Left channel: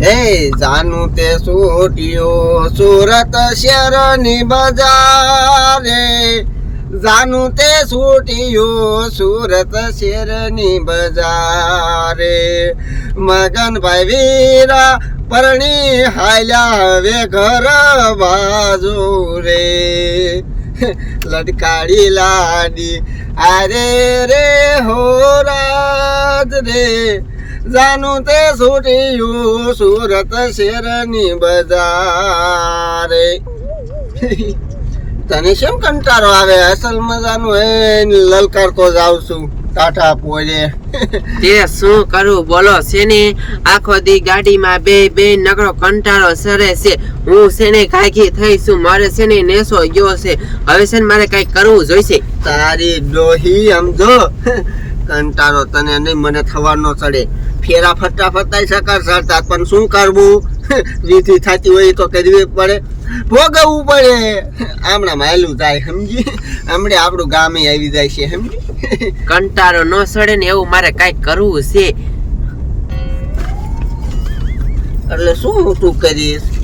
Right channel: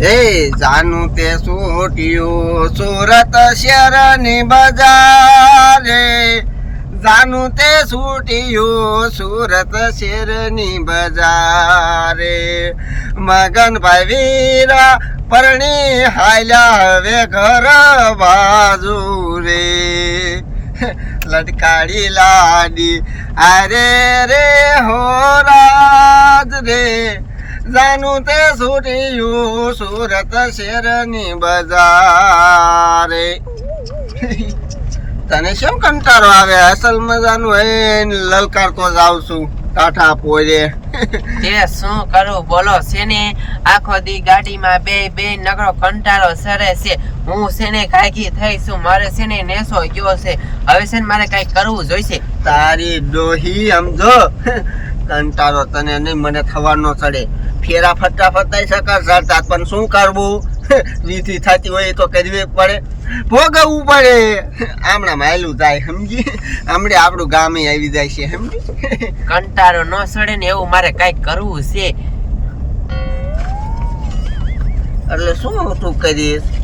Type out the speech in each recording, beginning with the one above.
હે જાનું તે છૂટ્યું સુરત શહેરની બજારે જાનું તે છૂટ્યું સુરત શહેરની બજારે મગનભાઈ વીરા પરણી હાલ્યા હવે ઘર બાજુ રે લટકાડી લાડી. અરે રે, હો રાજ રે. જાનું તે છૂટ્યું સુરત શેરની બજારે. તને કેમ કંટાળો આવે? અસલ મજાનું હે લલકારતો જાઉં છું. ટાટા પોરે તે શું કરું? બોલો શેની આખો દી ગાડીમાં બે બે નકરો કંટાળો સરે છે. હું શેને કાકી થઈ છું? મારે શેને નેસો ગયો છે? હવે છે મારે કઈ કરવું જોઈશે? તારી ડોહી સમજો. કંટાળો તને નહીં મને થવાનો ચડે. ફેરા ફરતા ફરતા સકાર સરતા પણ શું કરવું? વિધિ થતી હોય તો કરવી પડે. ભોગવવું પડે. આમણા માયલું થાય સમજી? હમણે આપણું ગામે આવી જાય છે સમજી? કંટાળો ન સડે ને એવું મારે કઈ કરવું છે. એટલે શું તું કરીશ?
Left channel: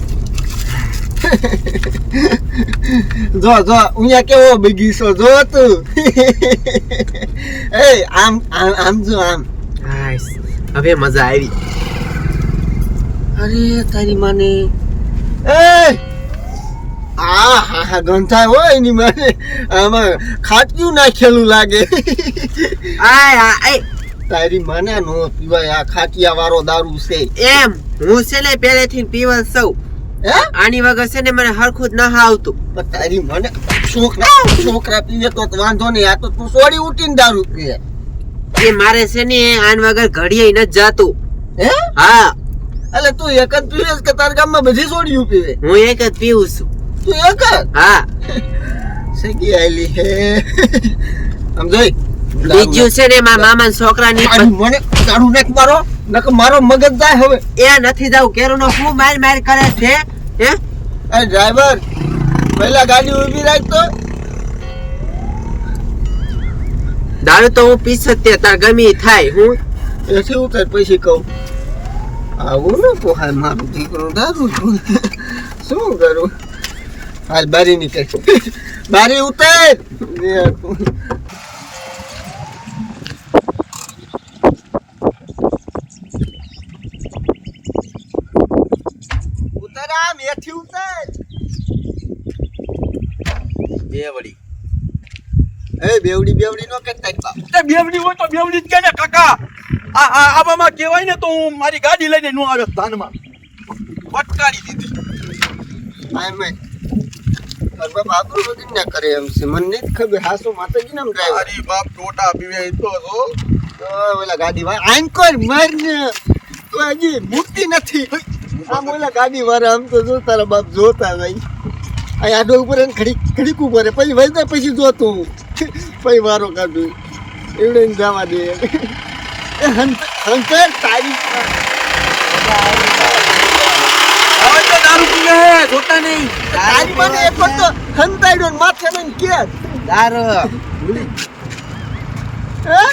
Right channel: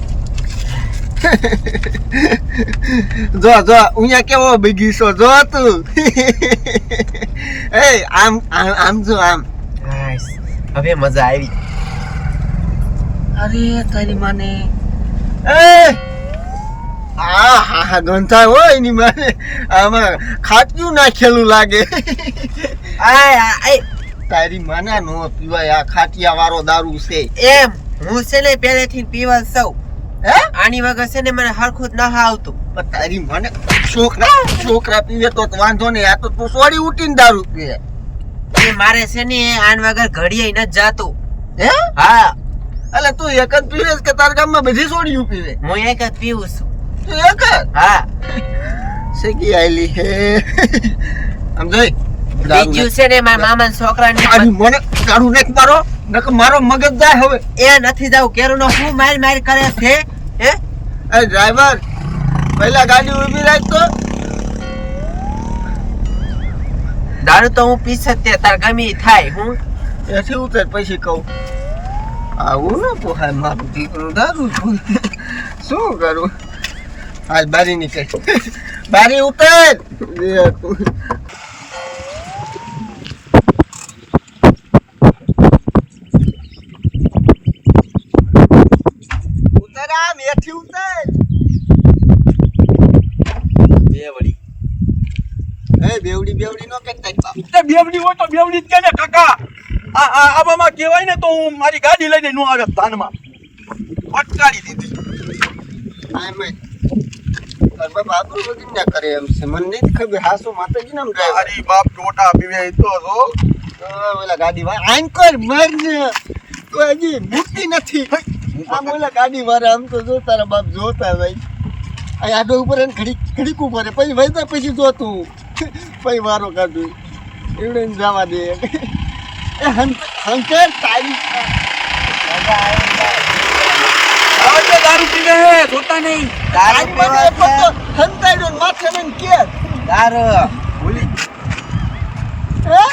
જો જો અહીંયા કેવો બગીચો જો તું. એ આમ આમ આમ જો આમ. હવે મજા આવી. અરે તારી માને. એ આ હા હા ગંથા હોય એની માને. આમાં ખાટક્યું નાખેલું લાગે. આ, આય. તારી માને નો પીવાય આ ખાટિયા વાળો દારૂ છે. એમ હું છે ને પહેલેથી પીવા સૌ. હે? આની વગર છે ને મને હરખું જ ન આવતું પણ તારી મને છોકરા છોકરા પીવે તો તો વાંધો નહીં. આ તો તું સોડી ઉઠીને દારૂ પીવે. એ મારે છે ને આન વગર ઘડીએ ન જાતું. હે? હા. એટલે તું એક જ પીવે કે તાર ગામમાં બધી સોડિયું પીવે? હું એક જ પીવું છું. તું એક જ? હા. સગી આલી હે? આમ જોઈ બીજું છે ને મારા મામા છોકરાની ની મને તારું નેક મારો નક મારો મગજ જાય હવે. એ નથી જાવ કેરોનો શું માર માર કરે છે? હે? અરે ડ્રાઈવર પહેલા ગાડી ઊભી રાખ તો. દારૂ તો હું પીસ જ તે, તાર ગમી થાય, હું? એથી ઉતર પછી કહું. આવું ન પોહાય મારું દીકરું, દારૂ શું કરું? હાલ બારી નીકળ. બારી ઉતર! ઉતર આમ, એથી ઉતર બેવડી એ બેવડી બેવડી નો કરતા બાપ. તે બેવડી હોય તો બેવડી જ કે ને કાકા. આ આ આવામાં કહેવાય ને તો હું મારી ગાડી લઈને નું આવે ધાનમાં. ફટકારી દીધી. આમ બાપ આપણું બધું ના કરે એમ છે. મને નહીં ખબર. હાસુ માતાજી નામ ડ્રાઈવર મારી બાપ ટોટા પીવે તો ઓલા ગાડી વાળા આઈન કોઈ ને તો હજી મૂકી નથી. આમ ઓલા ગાડી વાળા આમ તો જો તારા બાપ જોતા ભાઈ અહીં આડો ઉપર ઘડીક ઘડીક ઉપર પછી વૈદા પછી જોતું. પછી વારો કાઢું એવડે ને જવા દે. હંતર તારી. હવે તો દારૂ પીવે હે જોતા નહીં. તારી મને એક તો હંતાડ્યો માથે લઈને કે. દારૂ. ભૂલી. હે?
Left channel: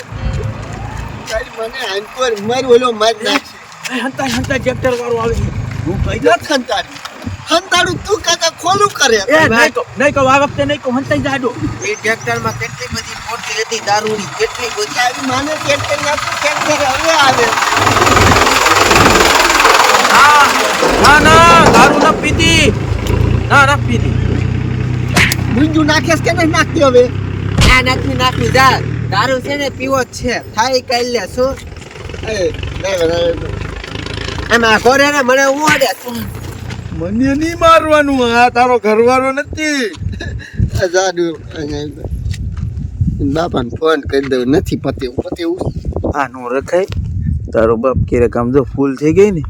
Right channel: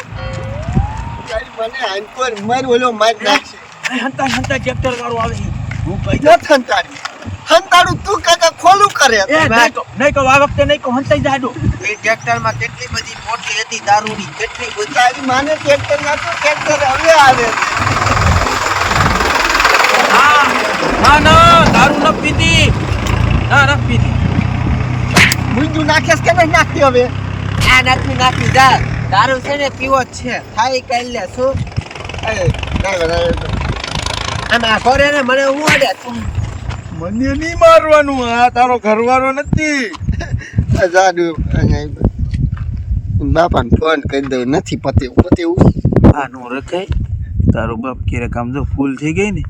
મને આઈન પર મર ઓલો માર નાખશે. હંતા હંતા ટ્રેક્ટર વાળો આવે. હું કઈ દઉં નથી હંતાડી હંતાડું તું કાકા ખોલું કરે. એ નહીં કહું નહીં આ વખતે નહીં કહું હંતાઈ જાડો. એ ટ્રેક્ટરમાં કેટલી બધી મોટી હતી દારૂની કેટલી બધી. આવી માને ટ્રેક્ટર ના તો ટ્રેક્ટર હવે આવે. ના ના દારૂ ન પીતી ના ન પીતી મુંજુ નાખેસ કે નહીં નાખતી હવે? આ નાખી નાખી જા. દારૂ છે ને પીવો જ છે. થાય કઈ લે શું? એ ડ્રાઈવર આમાં કોરે ને મને ઉડે મને નહીં મારવાનું. આ તારો ઘરવાળો નથી. જાડુ બાપાને ફોન કરી દઉં. નથી પતેવું પતેવું આ નો રખાય. તારો બાપ કેરે કામ જો ફૂલ થઈ ગઈ ને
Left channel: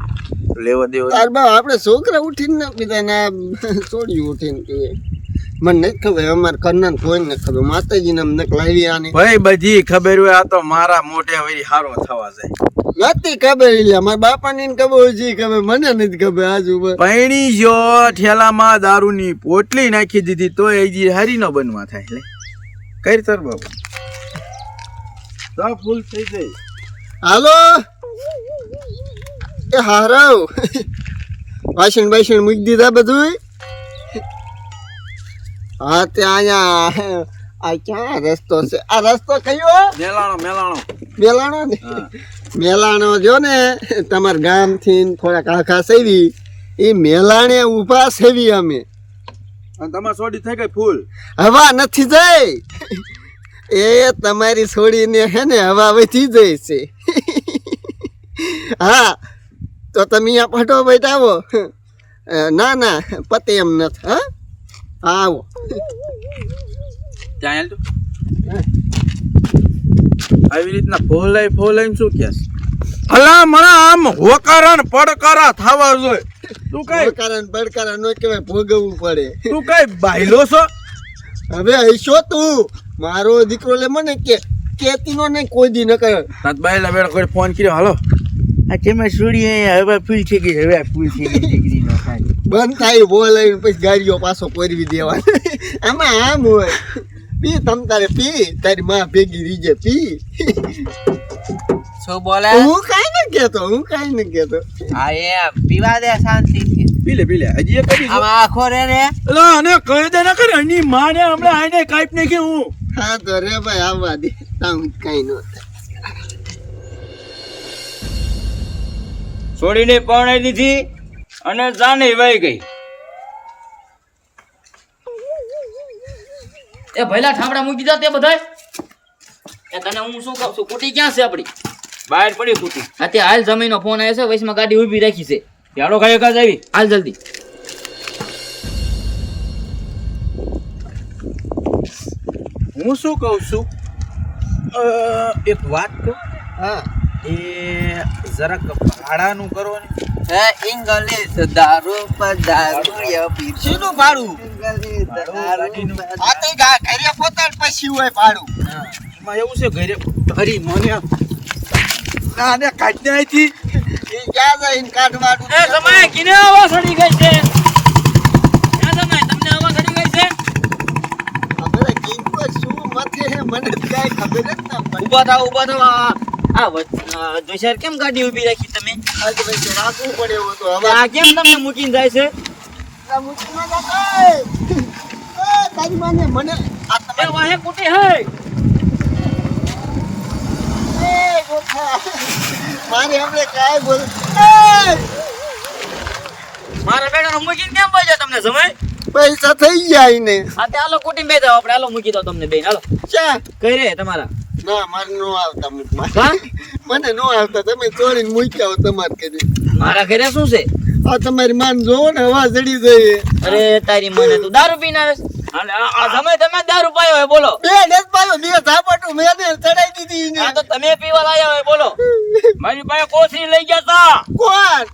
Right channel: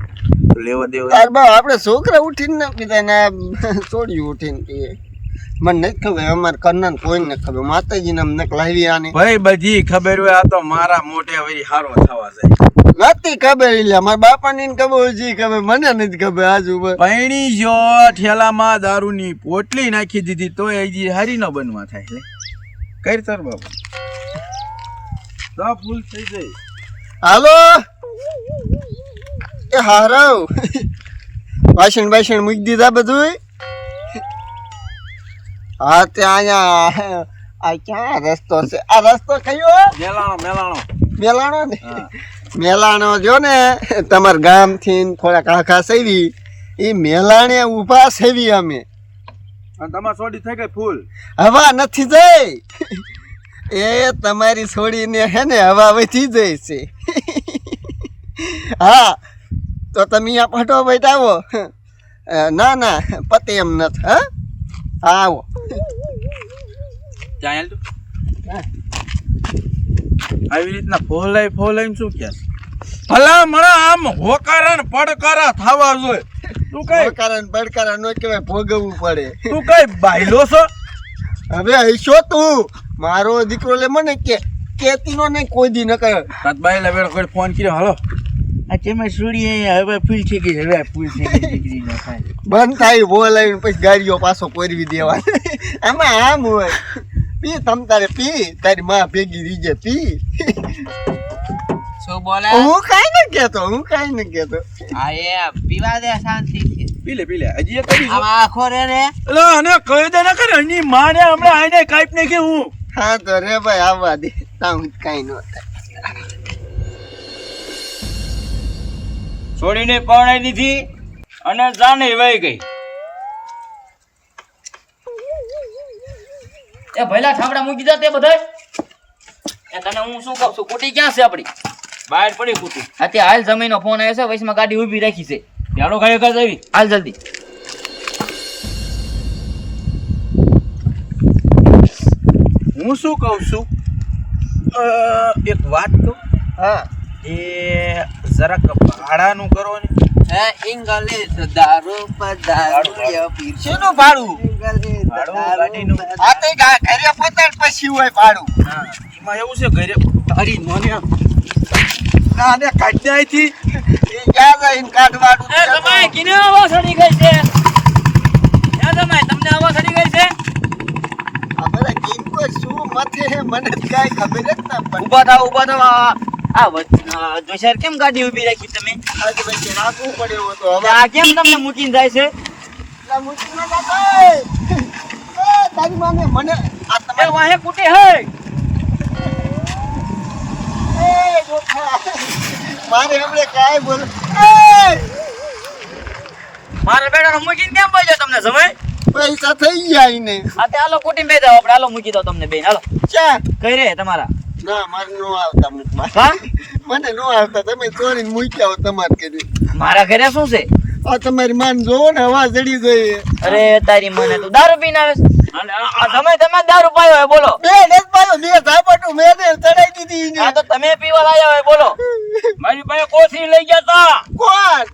લેવા દેવા. તાર બાપ આપણે છોકરા ઉઠીને બીજાને પીતા ને છોડી ઉઠીને પીએ મને નથી ખબર અમારે કરનાર કોઈ નથી ખબર. માતાજીને અમને લાવી આને. ભાઈ બધી ખબર હોય આ તો મારા મોઢે વળી હારો થવા જાય. નથી ખબર એટલે મારા બાપાની ને ખબર છે ખબર મને નથી ખબર આજુ પૈણી જો ઠેલામાં દારૂની પોટલી નાખી દીધી તો જી હારી ન બનવા થાય એટલે કઈ તર બાબુ તો ફૂલ થઈ જાય હાલો? એ હારાવ. વાસણ બાસણ મૂકી દીધા બધું હા ત્યાં અહીંયા આ ક્યાં રસ્તો છે? આ રસ્તો કયો? મેલાણો મેલાણો. મેલાણો ને? મેલાણો જો ને તમારા ગામથી ન થોડાક આખા સેવી. એ મેલાણે ઊભા સેવી અમે. અને તમારે સોડી થઈ ગઈ ફૂલ? હવા નથી જઈ. એ તમારી છોડીને હે ને હવા વધી જાય છે. હા તો તમે અહીંયા ફટો બેઠાવો ના ના પતે એમ નથી હા? હા આવો. ત્યાં હેલ તું? આવી રીતના ફોલાઈ ફોલાઈ શું કે? ભલા મને આમ હોકારા ને પડકારા થવા જોઈએ. તું કઈ કારણ પડકારા નો કહેવાય ભોગવવું પડે. તું કઈ બાયલો છો? હવે હશો તું? મારો દીકરો લે મને કે કેતી નો નહીં કોઈ દી ન કરે. તાત બાયલા બેડ કોઈ ફોન કર્યો હાલો. આ તેમાં સોડી હવે ફૂલ થઈ ગઈ હવે ફૂલ થઈ ગઈ નો બંધ થાય બોલાવીને પછી ગાડીઓ પાછો કોરવી દેવાની. આમાં આમ હોય. પી તમ તારે પી તારી માં ભેગી રીજે પી. શું બોલે? હું કાઈ ન કેતો હું કાઈ ન કેતો હા એ પીવા દે શાંતિ પીલે પીલે હજી એક કરી આમાં આખો રે રે. લો અને કહી દે ના કરે એની માને હમણાં આઈને કાઈપ ને કે હું હા તો રે ભાઈ આવવા દે. તામ કાઈ ન થાય. છોડીને પરણાઈ દીધી અને જાને વહી ગઈ. એ ભૈલા ઠામડા મૂકી જા તે બધાય. એ તને હું શું કહું છું કુટી ક્યાં છે આપણી બહાર પડી કુટી. અત્યારે હાલ જમીનો ફોન આવ્યો છે વૈશમાં ગાડી ઊભી રાખી છે. યારો ખાઈ ખાઈ આવી? હાલ જલ્દી. હું શું કહું છું? એક વાત કહું? હા. એ જરાક ભાડાનું કરો ને. હે ઇંગ્લિશ દારૂ પર દારૂ પીર શેનું ભાડું? ઇંગ્લિશ દારૂ આ તો ઘરે પોતાડ પછી હોય ભાડું. એમાં એવું છે ઘરે તારી મને ના ને થી એ ક્યાં જઈને કાઢવાનું? એ સમય કિને આવા સડી ગઈ છે. ક્યાં સમય તમને આવા સડી ગઈ છે? બધા કિંકો શું મથે હે મને તો ખબર જ ના ઊભા થાવ ઊભા થાવ આ જોઈશાર કેમ ગાડી ઊભી રાખી તમે? રાખવું પડે એવું તો. હવે આ કેમ તમને મૂકીને જાય છે? ના મુશ્કેલ ના થાય. એ, તારી માને મને. આ એ વાહે કુટી હે. એ ગોખા મારે હમણે બોલ એ! મારા બેટાનો મૂકીને કેમ ભાઈ તમને સમય? પૈસા થઈ ગયા ને. આ તે હાલો કુટી બે જાવ આપણે આલો મૂકી દો તમને બેન હાલો. ચા કઈ રે તમારા? ના મારે નો આવતા મને નો આવતા. તમે ચોરીને મૂક્યા હો તમારે કરી મારા ઘરે શું છે? આ તમારી માન જોવો ને હવા ચડી જઈએ અરે તારી મને તું દારૂ પીને આવે છે? આ સમય તમે જ દારૂ પાયો હોય બોલો. બે ને પાયો બે ઝાપટું મેં ચડાઈ દીધી આ તો તમે પીવા લાયા હોય બોલો. મારી પાસે કોથળી લઈ ગયા તા. કોણ?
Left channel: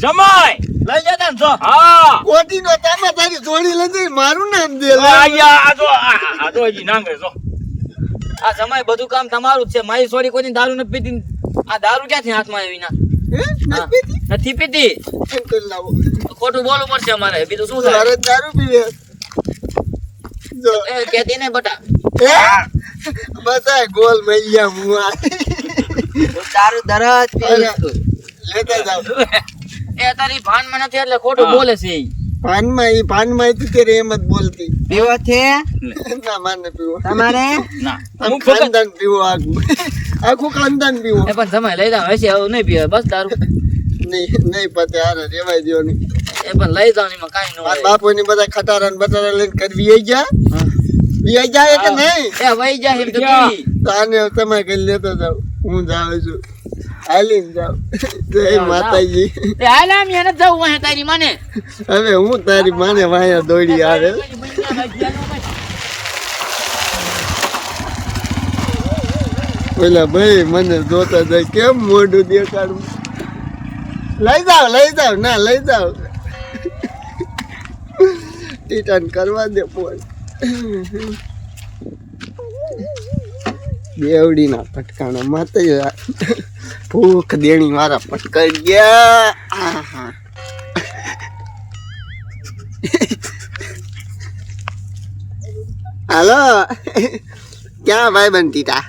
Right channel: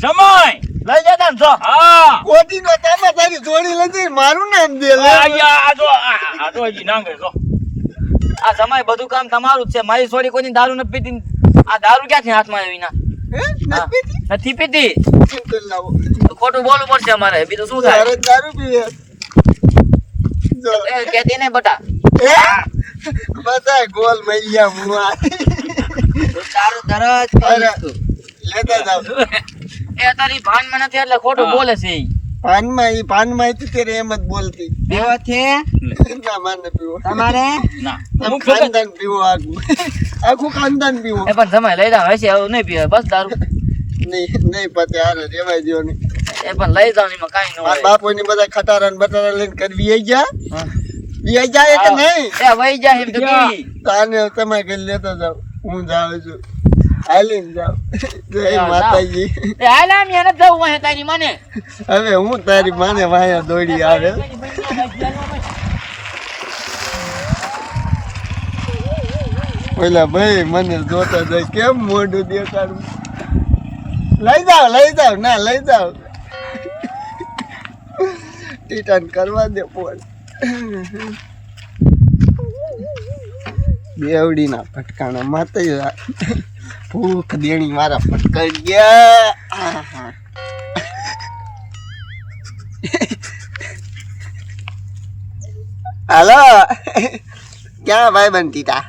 જમાય લઈ જતા ને જો. હા. કોટી નો તામાં તારી જોડી લઈ જઈ મારું નામ દે લે. આ જો આ આ જો હજી નાંગે જો. આ સમય બધું કામ તમારું જ છે. મારી છોડી કોઈની દારૂ નથી પીતી આ દારૂ ક્યાંથી હાથમાં આવી ના નથી પીતી ખોટું બોલવું પડશે અમારે. બીજું શું થાય? દારૂ પીવે. એ કહેતી નહીં બટા. બતા ગોલ મૈયા મુઆ સારું દરજ. લેતા જાવ એ તારી ભાનમાં નથી એટલે ખોટું બોલે છે. પાનમાં એ પાનમાં તું તેરે એમ જ બોલતી. પીવો છે? ના માને પીવો. તમારે? ના. હું ખાનદાન પીવો આખું. આખું ખાનદાન પીવો. એ પણ સમય લઈ જાવ હશે હવે નહીં પીવે બસ દારૂ નહીં નહીં પતે આને રેવાય દ્યો નહીં. એ પણ લઈ જાવ એમાં કાઈ ન હોય. બાપુ ની બધા ખટારા ને બટારા લઈને કરવી આઈ ગયા? બી આઈ જાય કે નહીં? એ વહી જાય એમ તો કેવી? તો આને તમે કરી લેતો જાવ હું જાઉં છું. હાલીને જાવ જય માતાજી. એ હાલ નથી તારી માને. હવે હું તારી માને વાયા દોડી આવે. ઓલા ભાઈ મને જોતા જાય કેમ મોઢું દેખાડું? લઈ જાવ લઈ જાવ ના લઈ જાવ ટીટન કરવા દે ફોન. બેવડીના પટકાણા માતે ભૂખ દેણી મારા પટકાઈ ગયા. હાલો. ક્યાં ભાઈ બનતી ટીટા